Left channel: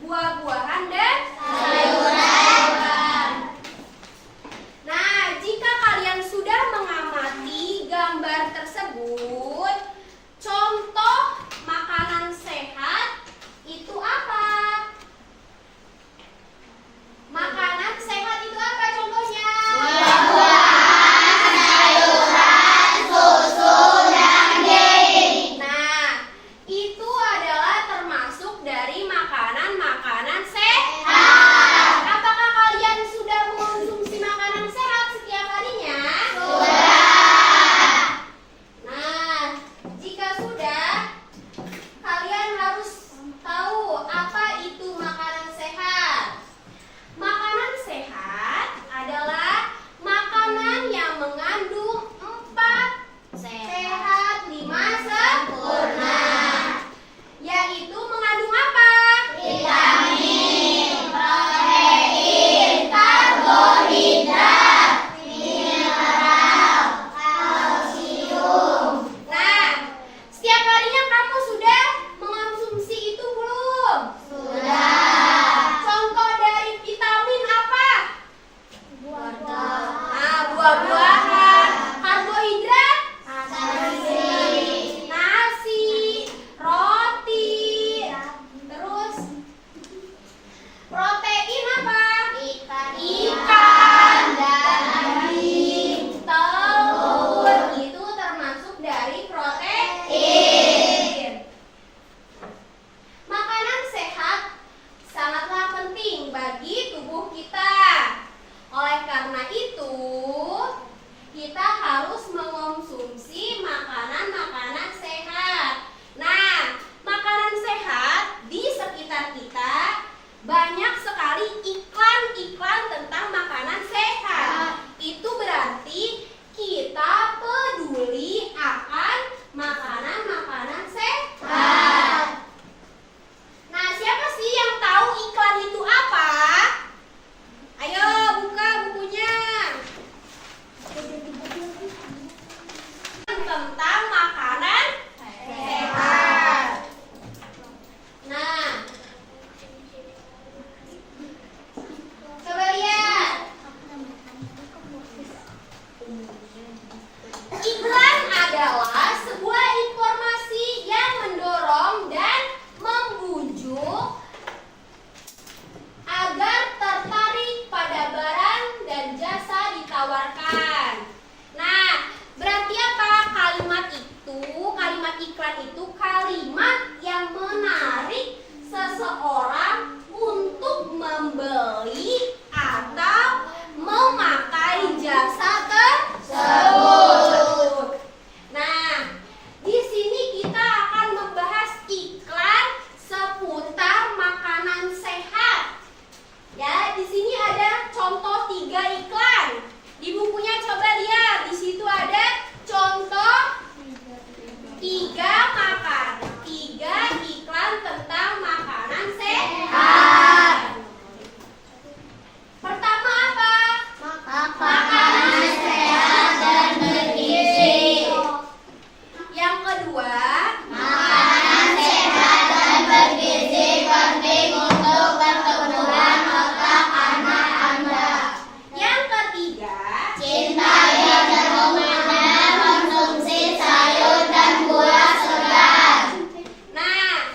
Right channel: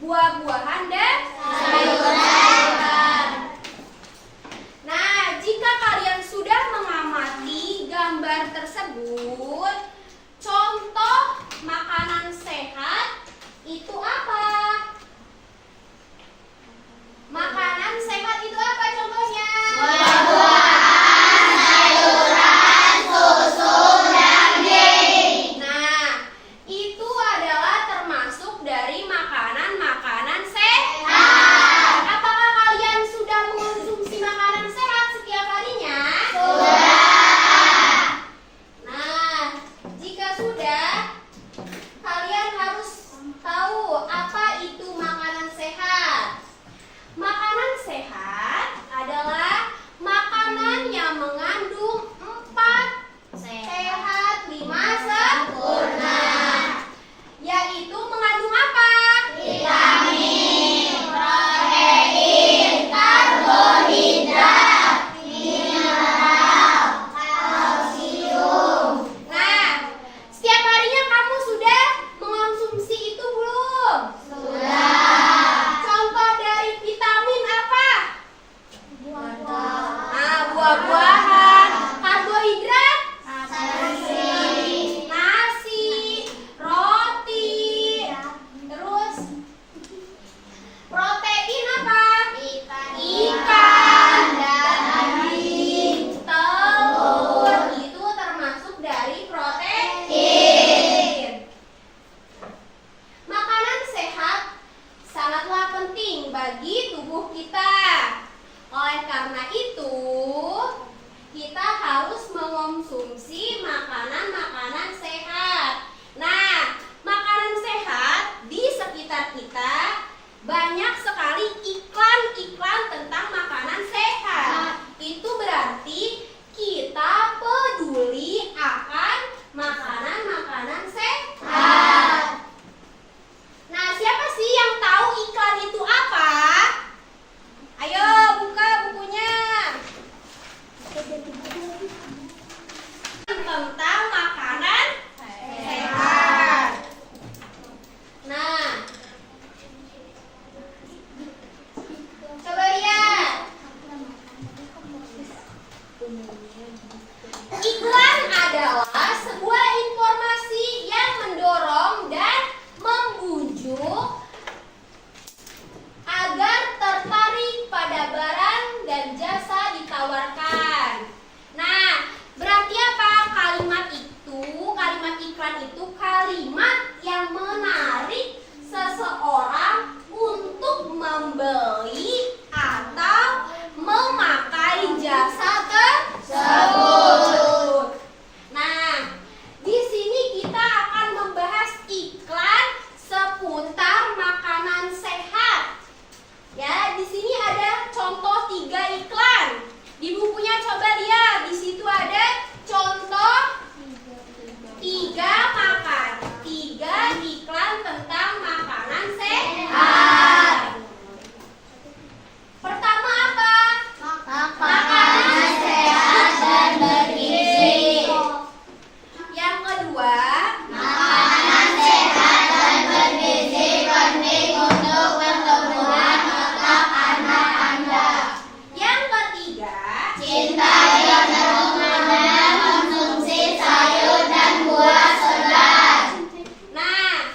Buah bagi tubuh kita. Oleh karena itu, kita harus mengonsumsi makanan-makanan sehat. Nah, makanan sehat di sekitar kita banyak sekali iklan-iklan tentang makanan sehat. Itu berarti kita peduli akan makanan-makanan sehat. Nah, siapa sih yang tahu iklan itu apa? Ayo buka bukunya. Tentang makanan sehat. Nah, coba lihat. Iklan adalah sebuah informasi yang mendorong dan membujuk agar tertarik pada barang dan jasa ditawarkan. Nah, berarti apa kalimat itu? Kalimat iklan itu kalimat yang menarik seseorang untuk membeli atau memakai jasa tersebut. Nah, di sini kita akan membahas iklan seputar makanan sehat. Ya, di sini ada contoh 3 iklan. Di bukunya coba lihat, di situ ada contoh 3 iklan tentang makanan sehat. Pertama apa? Makanan sehat dan bergizi. Yang kedua, makanan sehat dan bergizi penting untuk pertumbuhan otak anak Anda. Yang ketiga, cintai dan menggunakan konsumsi sayur dan buah segar. Nah,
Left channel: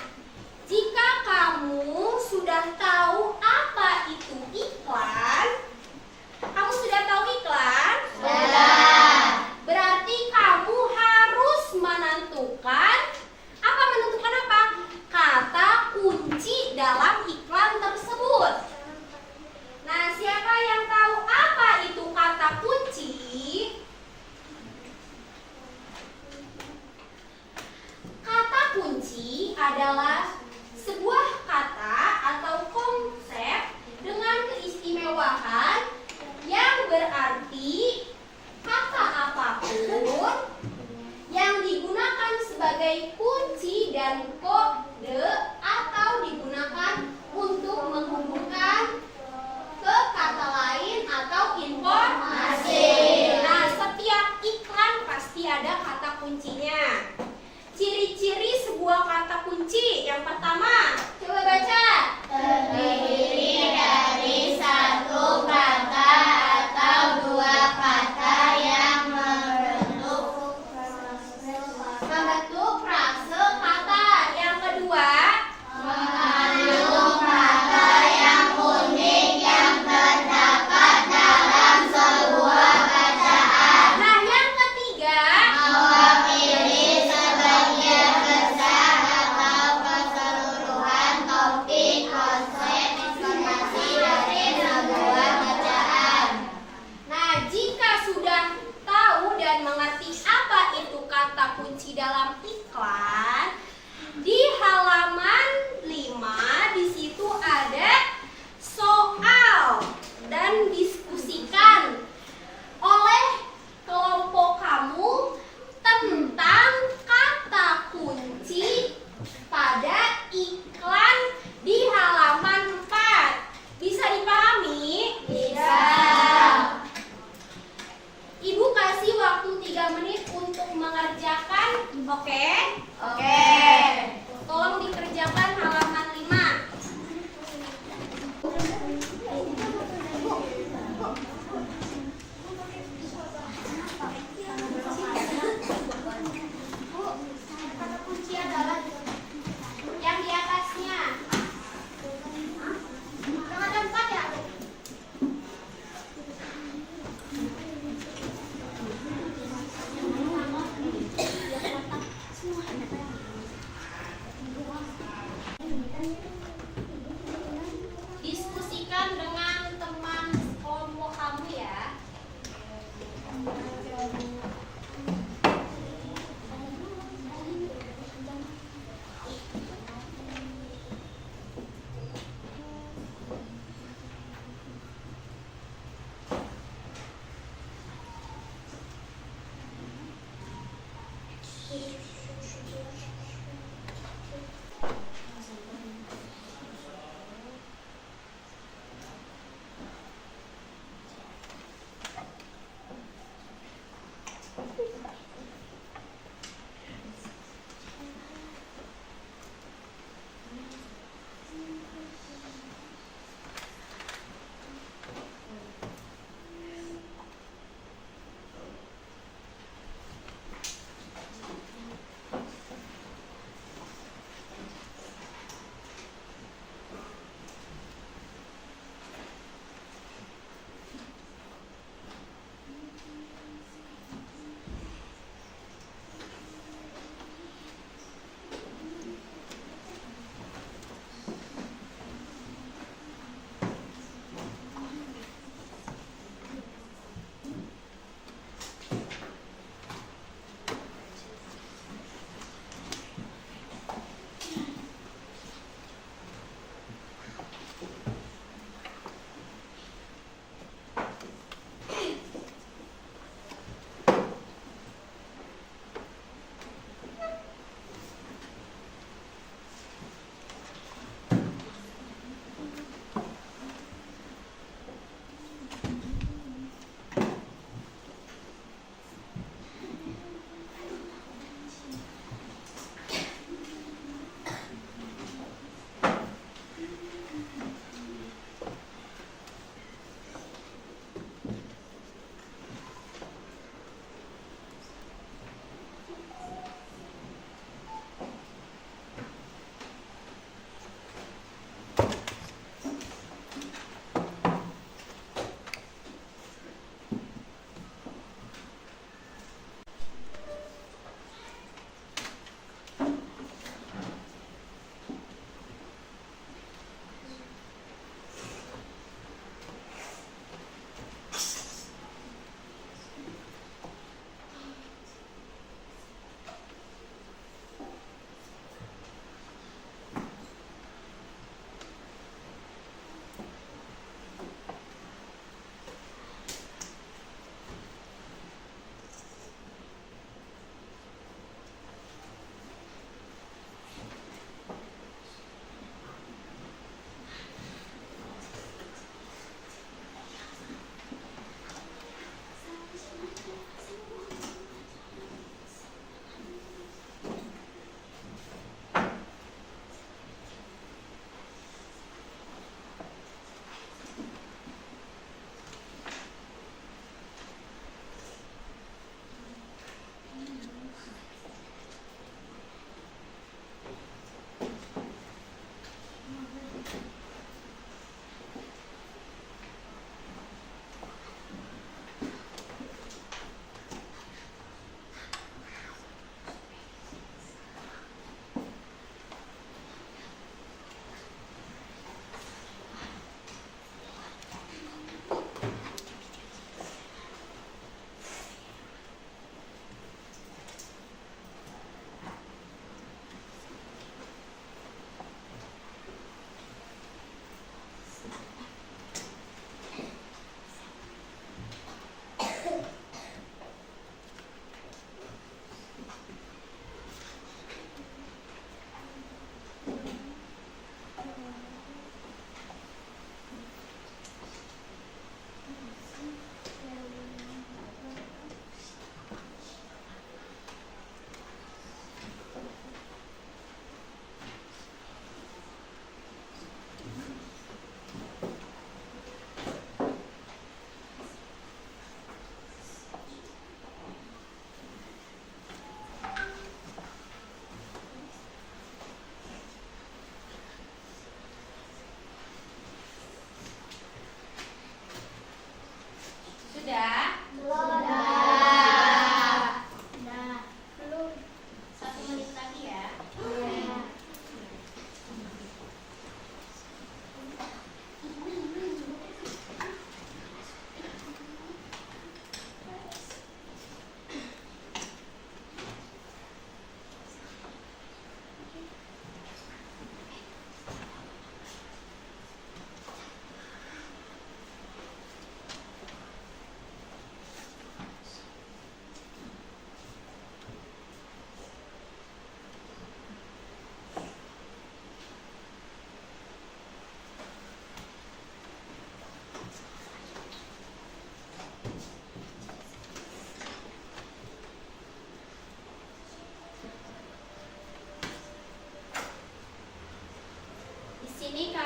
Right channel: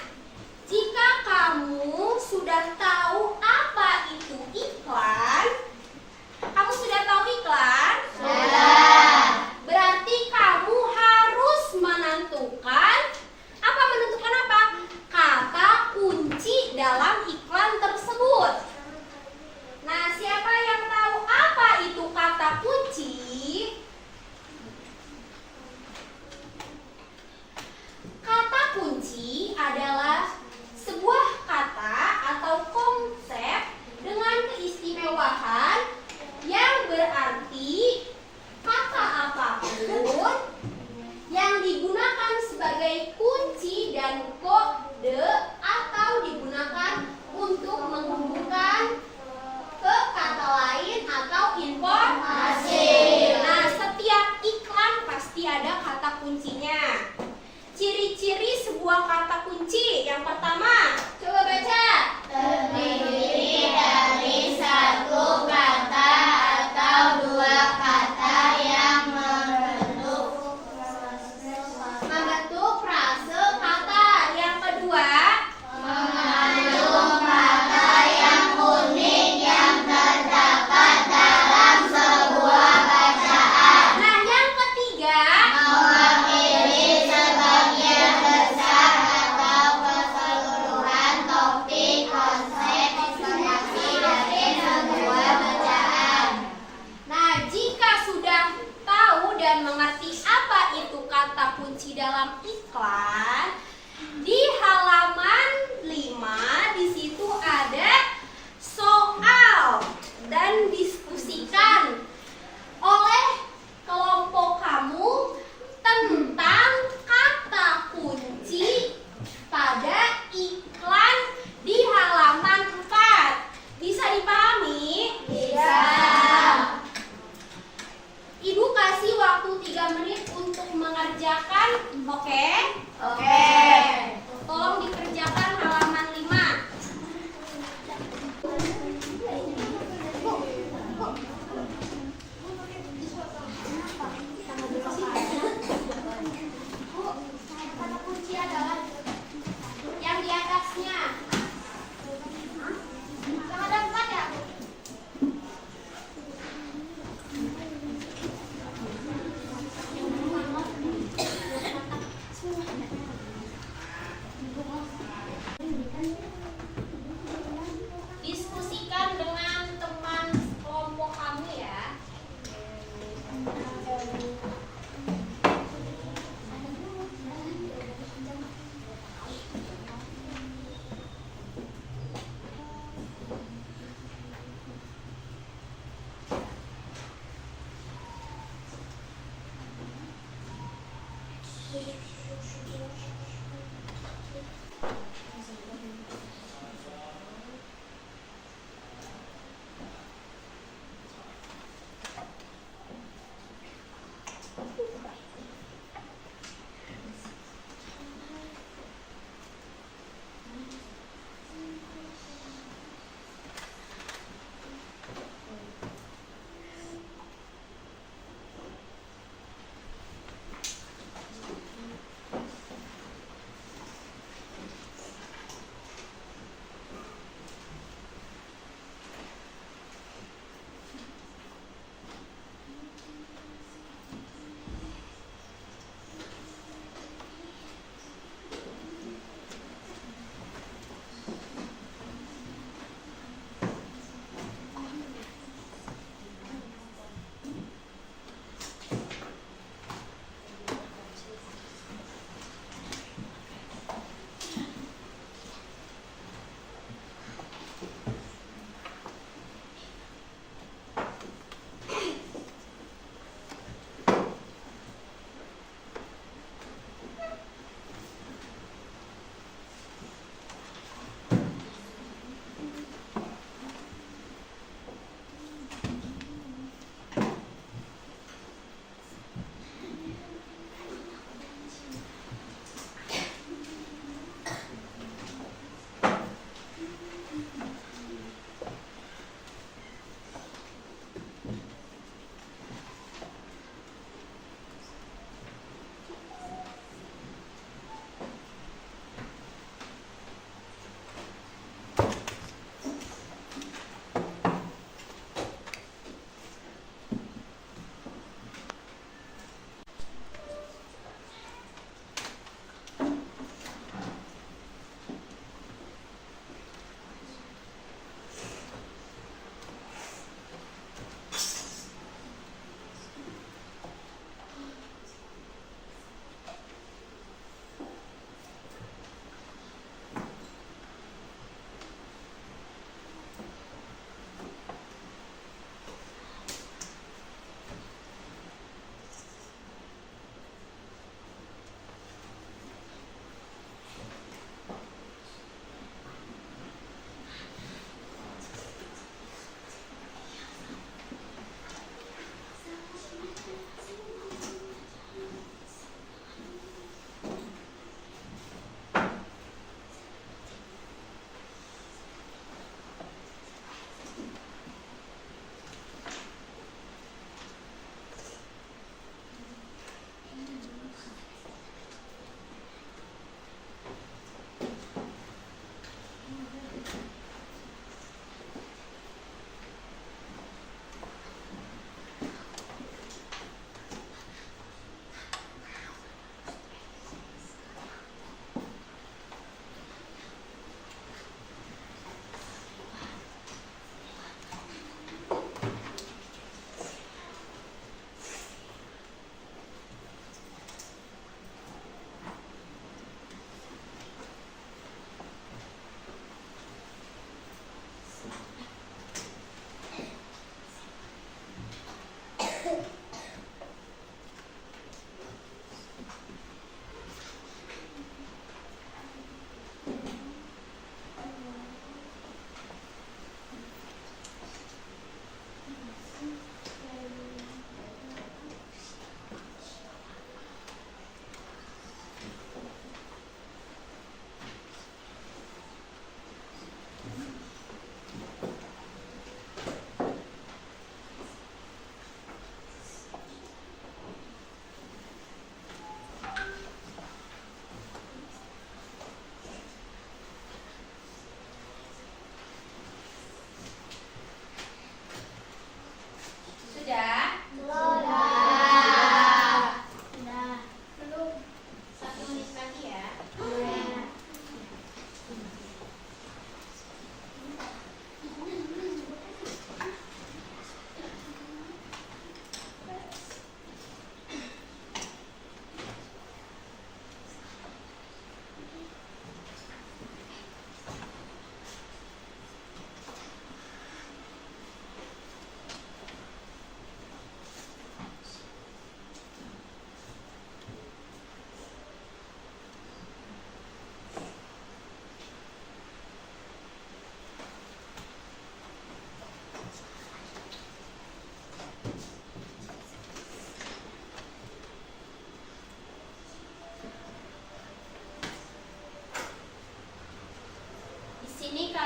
jika kamu sudah tahu apa itu iklan, kamu sudah tahu iklan? Sudah. Berarti kamu harus menentukan apa? Kata kunci dalam iklan tersebut. Nah, siapa yang tahu apa itu kata kunci? Kata kunci adalah sebuah kata atau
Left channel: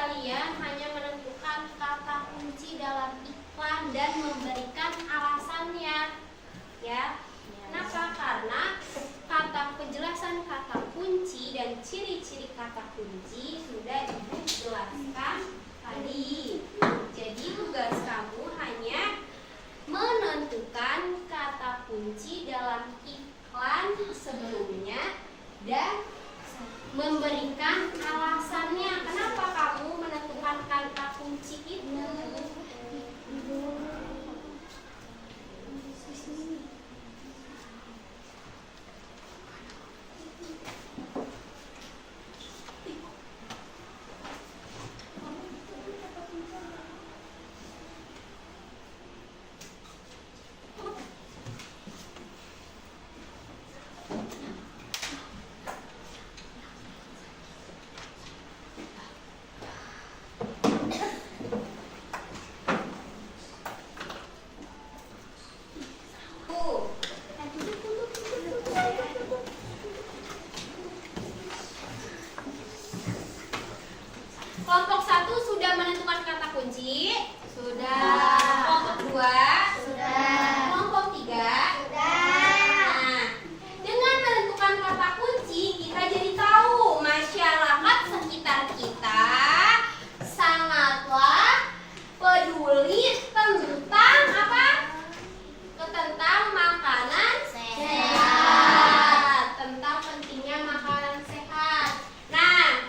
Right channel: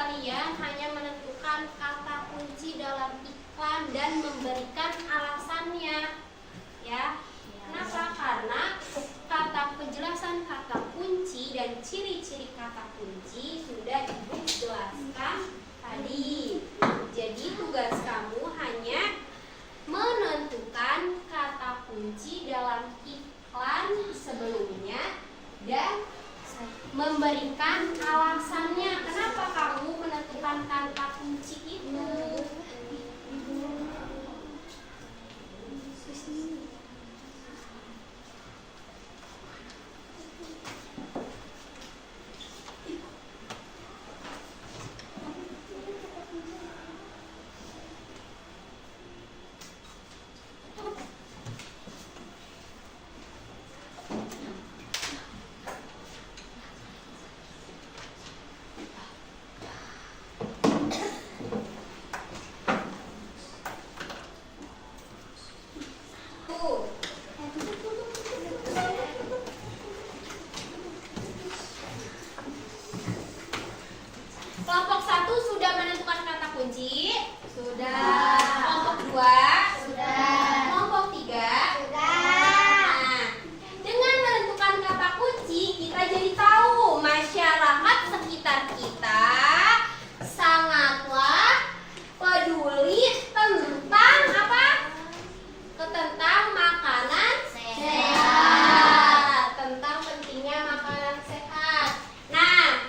kalian hanya menentukan kata kunci dalam iklan dan memberikan alasannya. Ya. Kenapa? Karena penjelasan kata kunci dan ciri-ciri kata kunci sudah Ibu jelaskan tadi. Jadi tugas kamu hanya menentukan kata kunci dalam iklan sebelumnya dan memberikan alasannya. Kenapa kamu menentukan kata kunci itu? Kelompok 1 sudah menentukan kata kunci? Sudah. Kelompok 2? Sudah. Kelompok 3? Sudah. Nah, dengan menentukan kata kunci, kita jadi tahu masyarakat sekitar kita sangatlah peduli tentang apa? Tentang makanan sehat. Tentang pentingnya makanan sehat. Nah,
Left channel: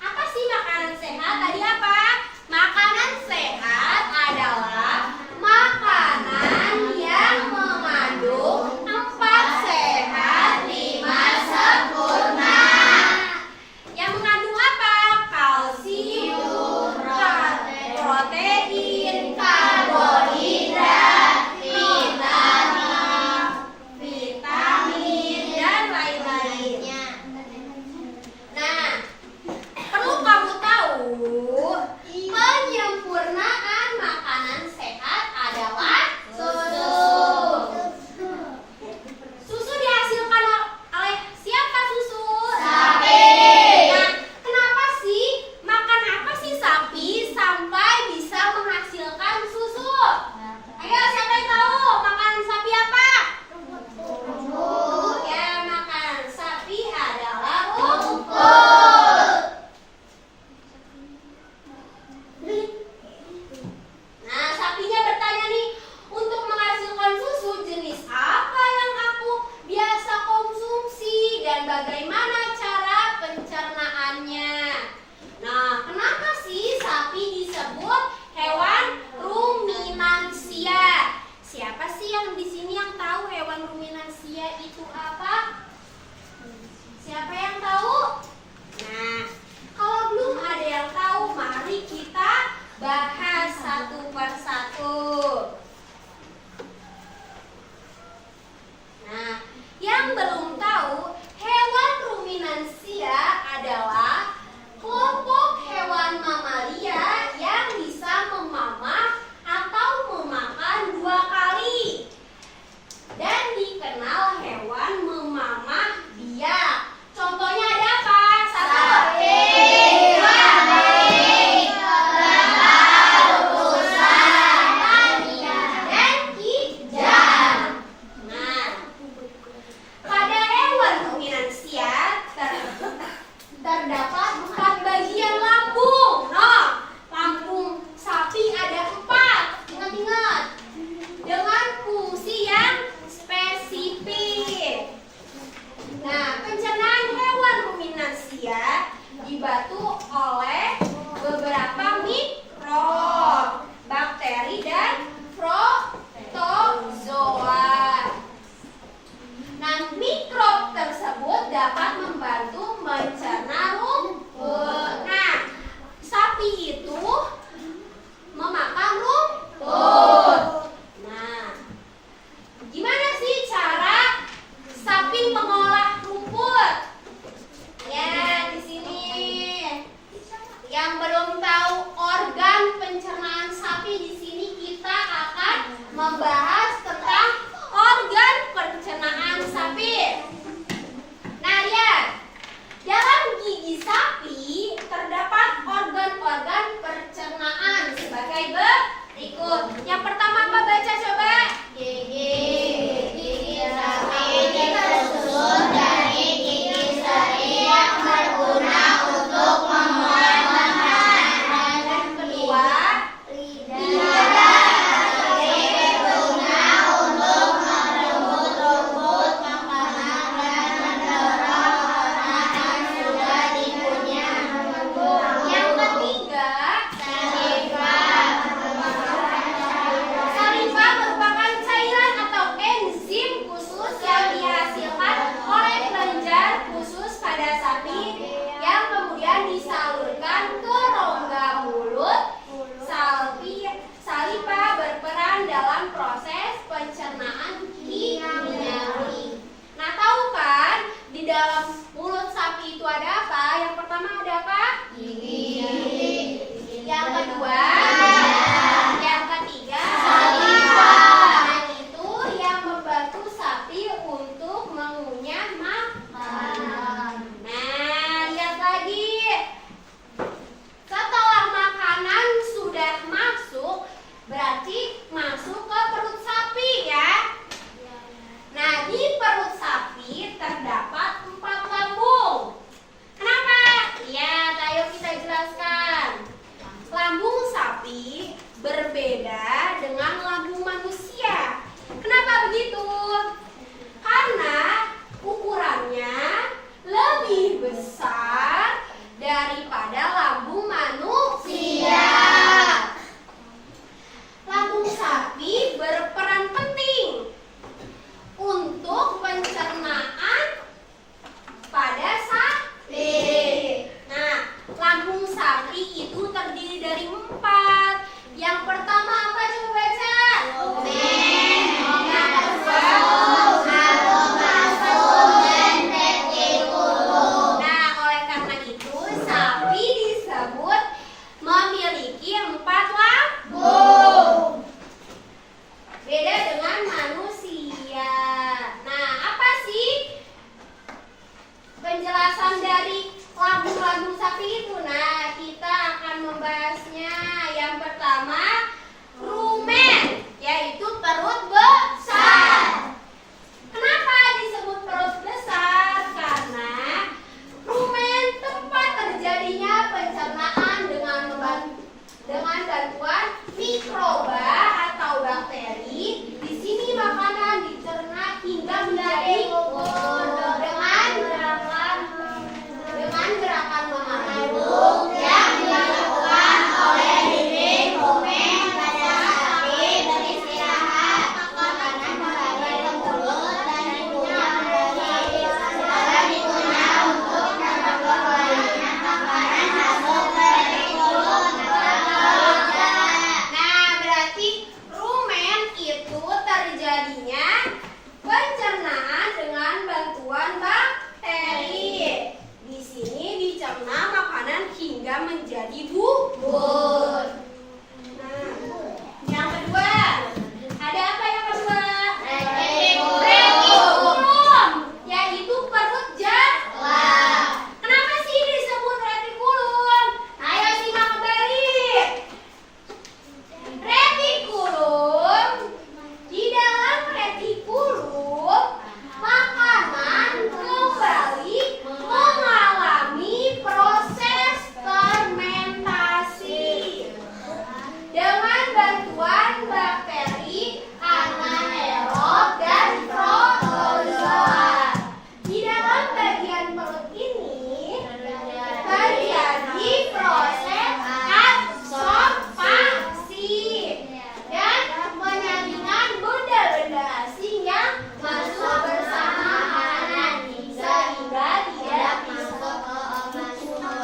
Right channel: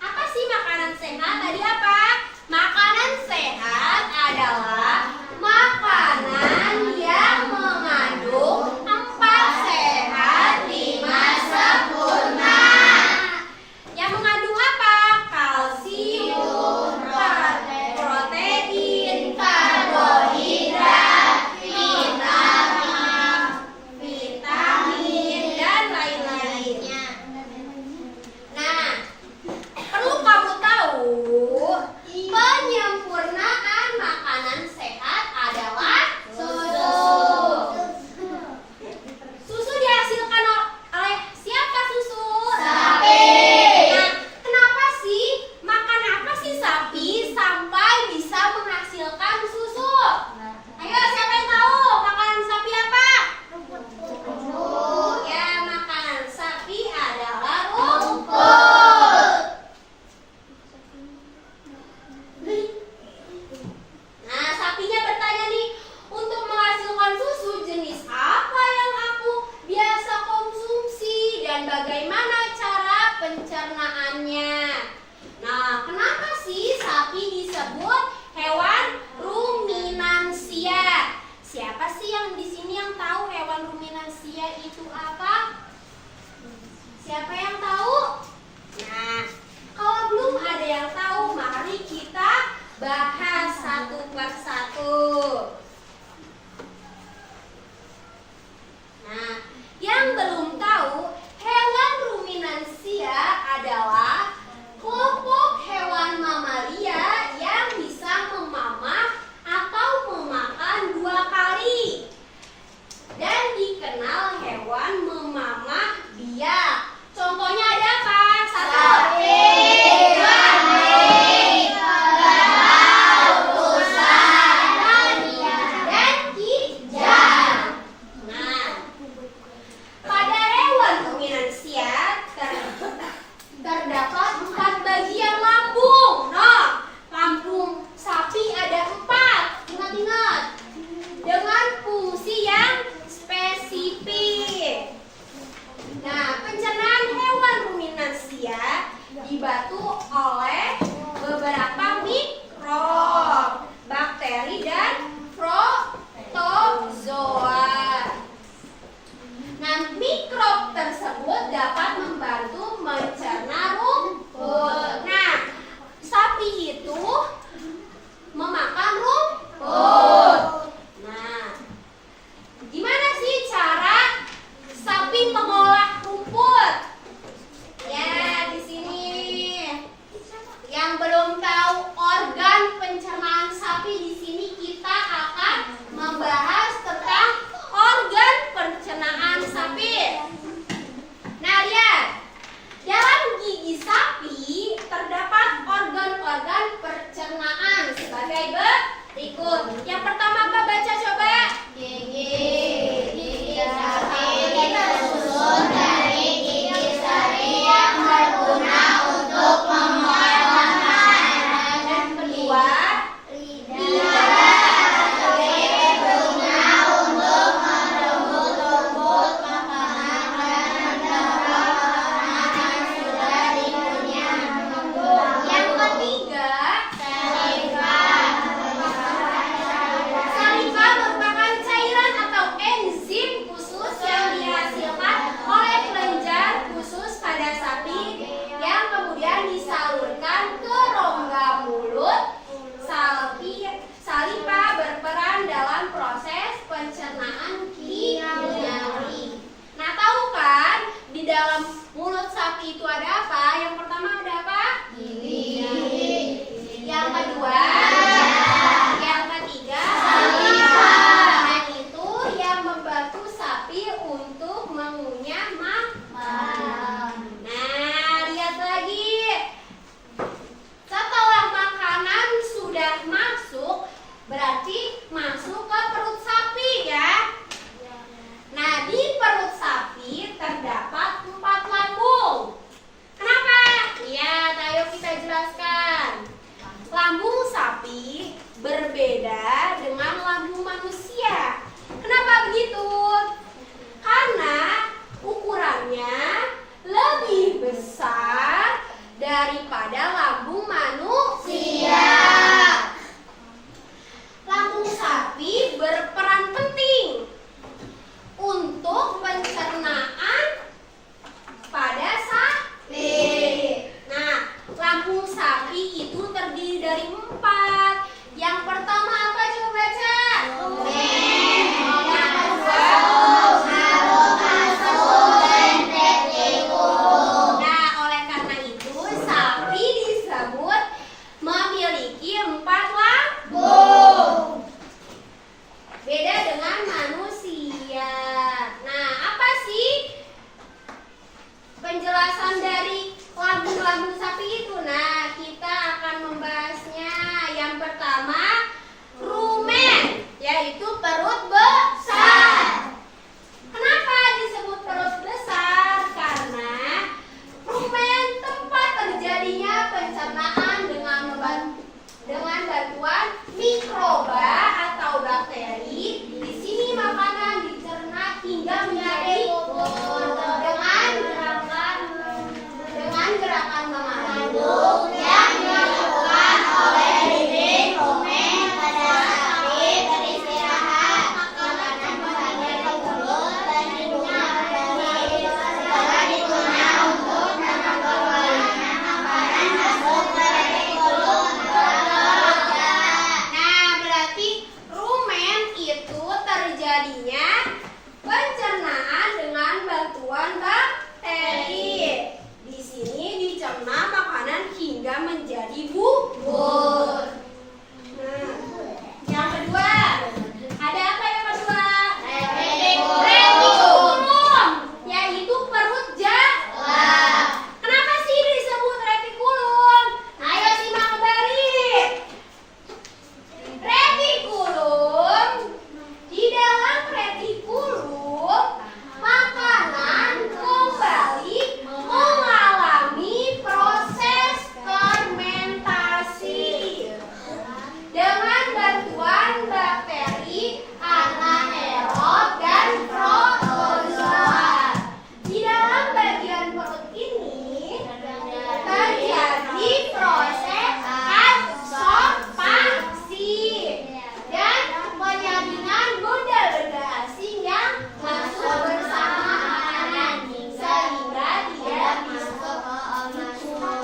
apa sih makanan sehat? Tadi apa? Makanan sehat adalah makanan yang mengandung 4 sehat 5 sempurna. Yang mengandung apa? Kalsium, protein, karbohidrat, vitamin, dan lain-lainnya. Nah, perlu kamu tahu, penyempurnaan makanan sehat adalah susu. Susu dihasilkan oleh siapa susu? Sapi. Nah, kenapa sih? Makan apa sih sapi sampai bisa menghasilkan susu? Ayo, siapa yang tahu makanan sapi apa? Rumput. Ya, makanan sapi adalah rumput. Nah, sapinya bertanya nih, untuk menghasilkan susu jenis apa yang aku biasa konsumsi dan bagaimana cara pencernaannya? Nah, kenapa sih sapi disebut hewan ruminansia? Siapa sih yang di sini yang tahu hewan ruminansia itu apa? Siapa yang tahu? Nah, kalau belum ada yang tahu, mari kita bahas satu persatu. Nah, yang belum tahu, hewan ruminansia adalah kelompok hewan mamalia yang bisa memamah atau memakan 2 kali dan dikenal hewan memamah biak. Contohnya ada apa? 1, 2, 3, kerbau, sebagai berikut. Yang pertama apa? Baca coba. Gigi sapi tersusun dari gigi seri yang berguna untuk memotong makanan. Dan kedua, disalurkan ke rongga mulut. Saliva berperan dalam proses pencernaan kimiawi. Nah, tahu kan di dalam mulut sapi itu ada apa? Yang pertama ada apa? Gigi. Yang kedua, yang ketiga, saliva. Nah, itu yang membantu sapi untuk mengunyah makanan. Nah, lihat lagi. Setelah makanan sudah masuk, berarti masuk ke perut sapi ya. Nah, di perut sapi terdapat 4 lambung. Kenapa? Lihat, ayo kita jelaskan. Lambung sapi berbeda dengan lambung manusia. Kenapa begitu? Karena ukurannya lebih besar daripada lambung manusia. Lambung sapi berperan penting untuk pencernaan pada sapi. Nah, lambung sapi itu terdiri dari 4. Yang pertama apa? Coba baca. Yang kedua, nah, oleh karena itu sapi disebut memiliki 4 lambung. Beda dengan manusia. Nah, apa sih penjelasan dari lambung-lambung sapi itu? Nah, kita akan membahasnya. Yang pertama, rumen, yaitu perut besar. Kenapa disebut perut besar? Karena rumen tempat terjadinya pencernaan dengan bantuan mikroba atau bakteri. Di sini makanan dicerna hingga menjadi dengan gerakan memandu yang dilakukan oleh lirin rumen pada sapi beristirahat. Makanan bagian tersebut dan dikunyah untuk mengeluarkan makanan masuk dari mulut. Nah, berarti rumen itu terjadinya pencernaan dengan bantuan bakteri. Di sini dicerna makanan hingga menjadi bubur. Nah, yang kedua, ada apa yang kedua? Retikulum, yaitu perut jalan. Kenapa sih disebut retikulum? Ayo simak kembali. Retikulum, di dalam retikulum makanan kembali mengalami proses fermentasi dengan bantuan bakteri anaerob dan protozoa. Di dalam bagian perut ini terjadi proses absorpsi dan penyaringan benda-benda asing yang masuk bersama makanan sehingga tidak masuk ke organisme.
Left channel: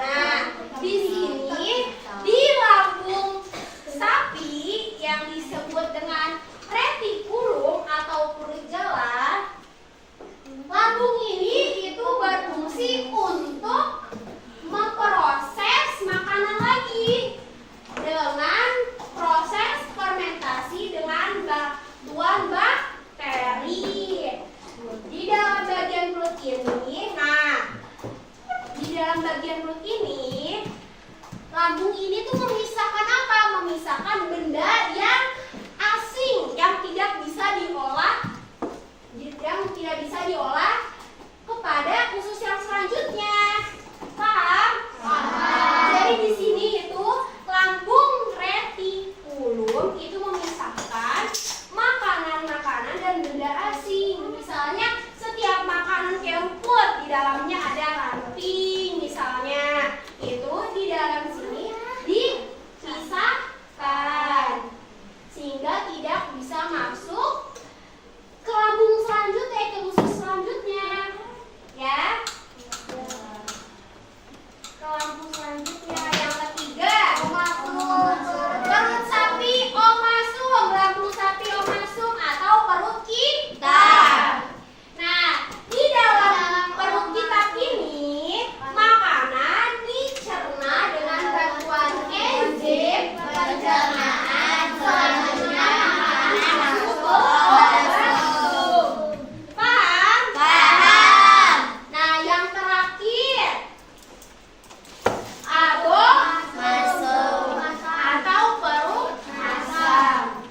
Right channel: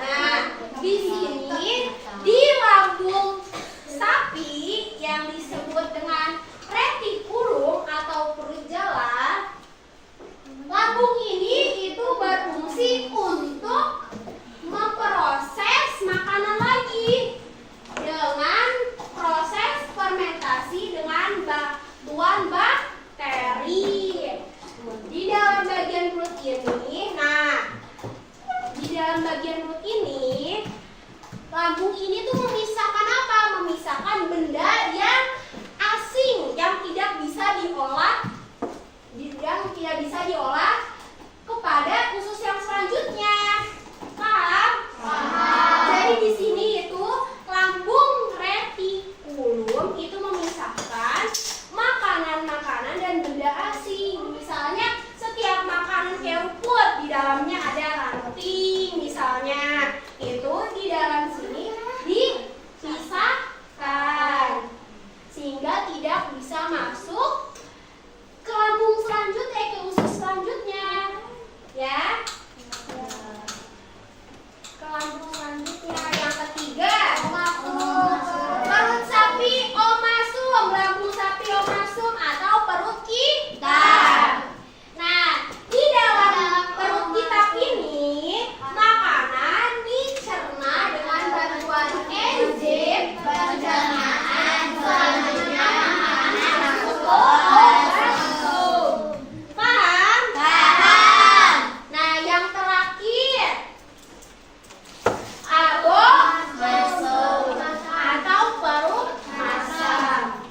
Nah, di sini di lambung sapi yang disebut dengan retikulum atau perut jala, lambung ini itu berfungsi untuk memproses makanan lagi dengan proses fermentasi dengan bantuan bakteri. Di dalam bagian perut ini, di dalam bagian perut ini, lambung ini tuh memisahkan apa? memisahkan benda yang asing yang tidak bisa diolah kepada usus yang selanjutnya. Paham? Jadi di sini itu lambung retikulum itu memisahkan makanan-makanan dan benda asing. Misalnya setiap makanan kayak rumput di dalamnya ada ranting misalnya. Itu di dalam sini dipisahkan sehingga tidak bisa masuk ke lambung selanjutnya, ke usus selanjutnya. Ya. Ke lambung selanjutnya yang ketiga, perut sapi omasum, lambung sapi omasum atau perut kita. Nah, di dalam perut kita ini makanan dicerna dengan bantuan enzim pencernaan. Selanjutnya makanan masuk ke omasum. Paham? Paham. Nah, yang terakhir masuk atau perut masam.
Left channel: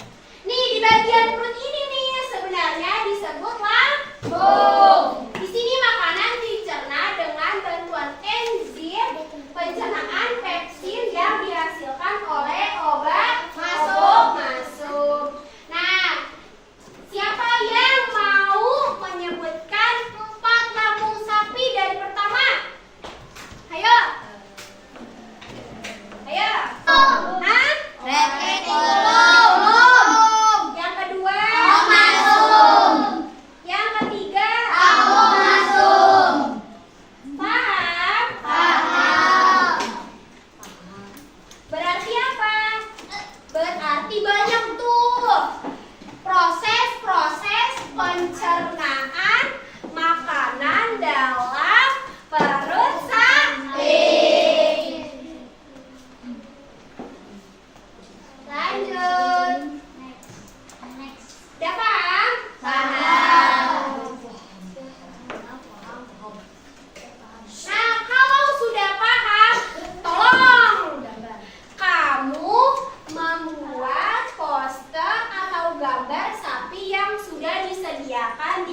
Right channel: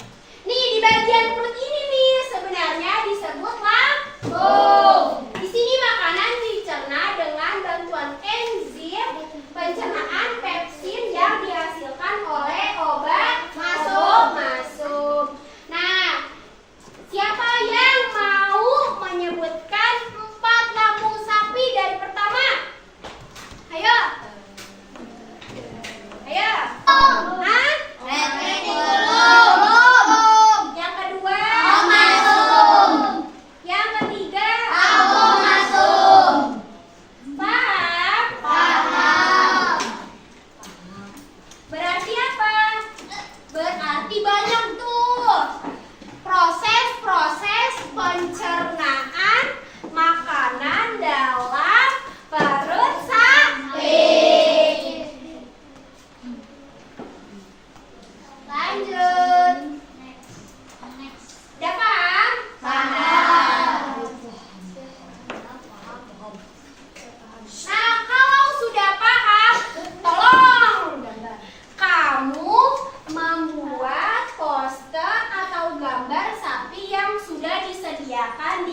Nih di bagian perut ini nih sebenarnya disebut lambung. Di sini makanan dicerna dengan bantuan enzim pencernaan pepsin yang dihasilkan oleh obat masum. Nah, siapa yang mau menyebutkan 4 lambung sapi dari pertama? Ayo. Hah? Retikulum. Yang kedua? Omasum. Yang ketiga? Abomasum. Paham? Paham. Berarti apa? Berarti banyak tuh proses-proses pencernaan makanan dalam perut sapi. Lanjut. Udah paham? Paham. Nah, kalau sudah paham, tolong kamu membuat poster atau gambar sapi yang sudah disediakan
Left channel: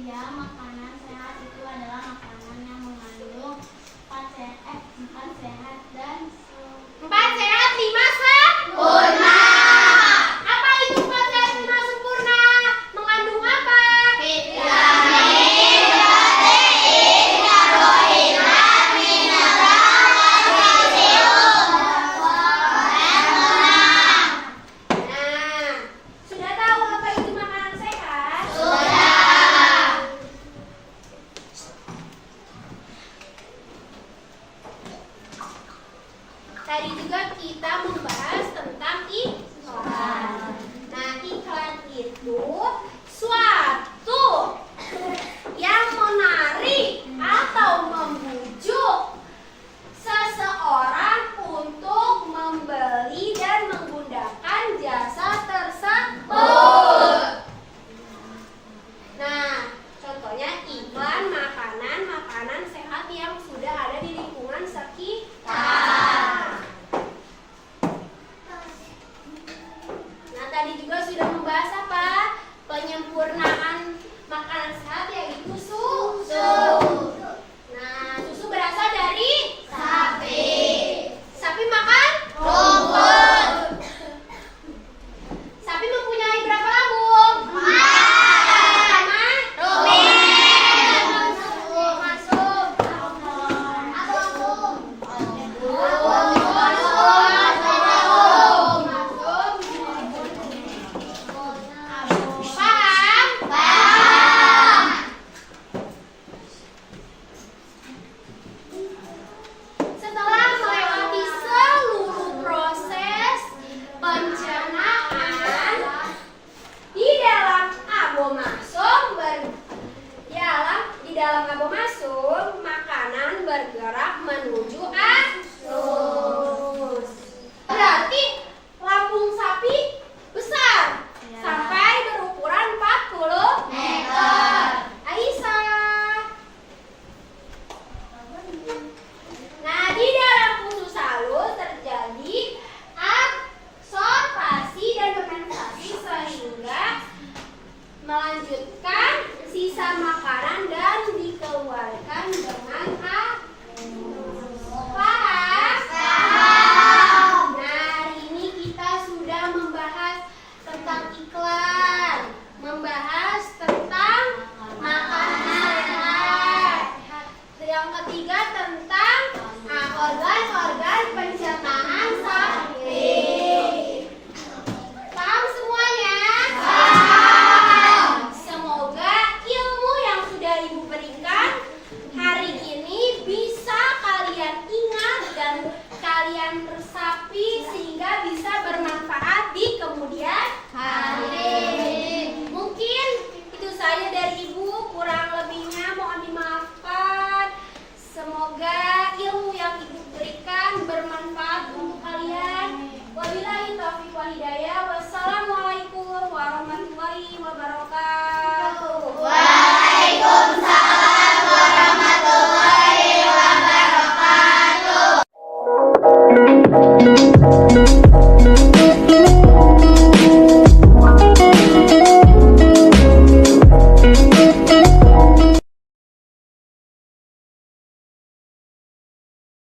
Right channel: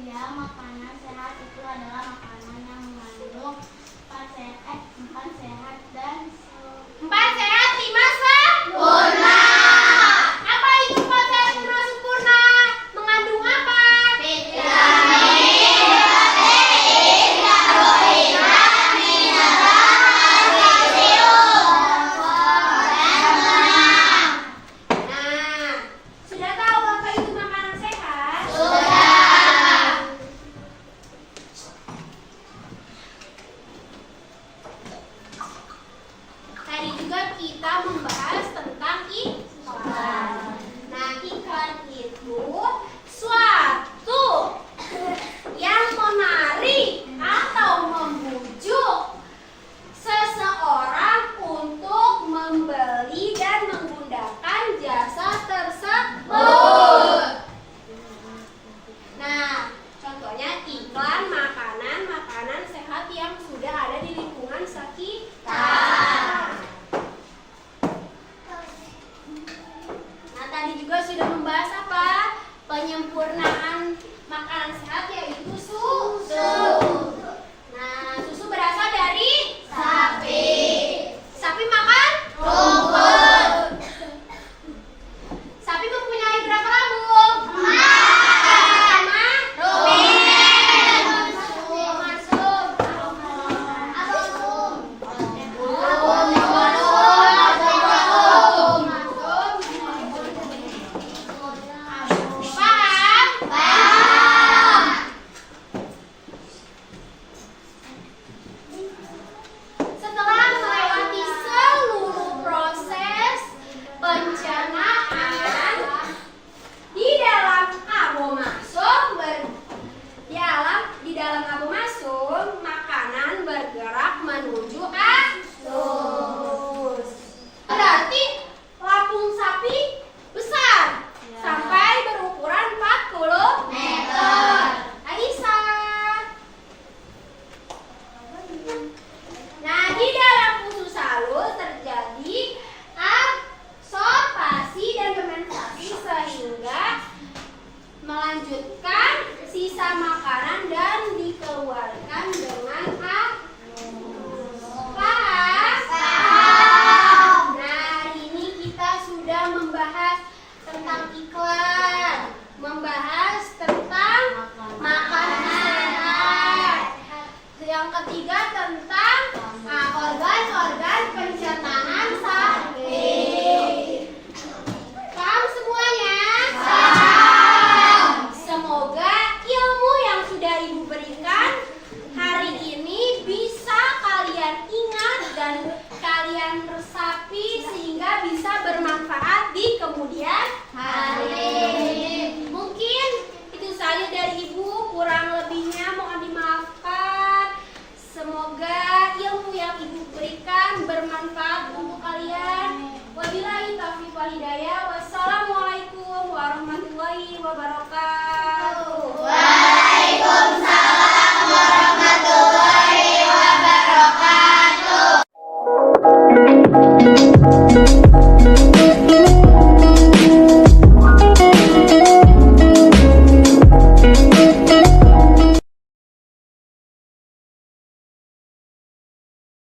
Ya, makanan sehat itu adalah makanan yang mengandung 4 sehat dan 4 sehat 5 sempurna. Apa itu 4 sehat 5 sempurna? Mengandung apa? Vitamin, protein, karbohidrat, mineral, kalsium, fosfor, dan lemak. Nah, sudah tahu apa itu makanan sehat? Sudah. Tadi juga kita membahas tentang iklan. Nah, iklan itu suatu yang menarik atau membujuk seseorang untuk membeli dan menggunakan jasa tersebut. Nah, contohnya iklan makanan sehat yang sudah ada di lingkungan sekitar. Nah, tadi juga sudah membahas apa? Penyempurnaan makanan sehat yaitu susu.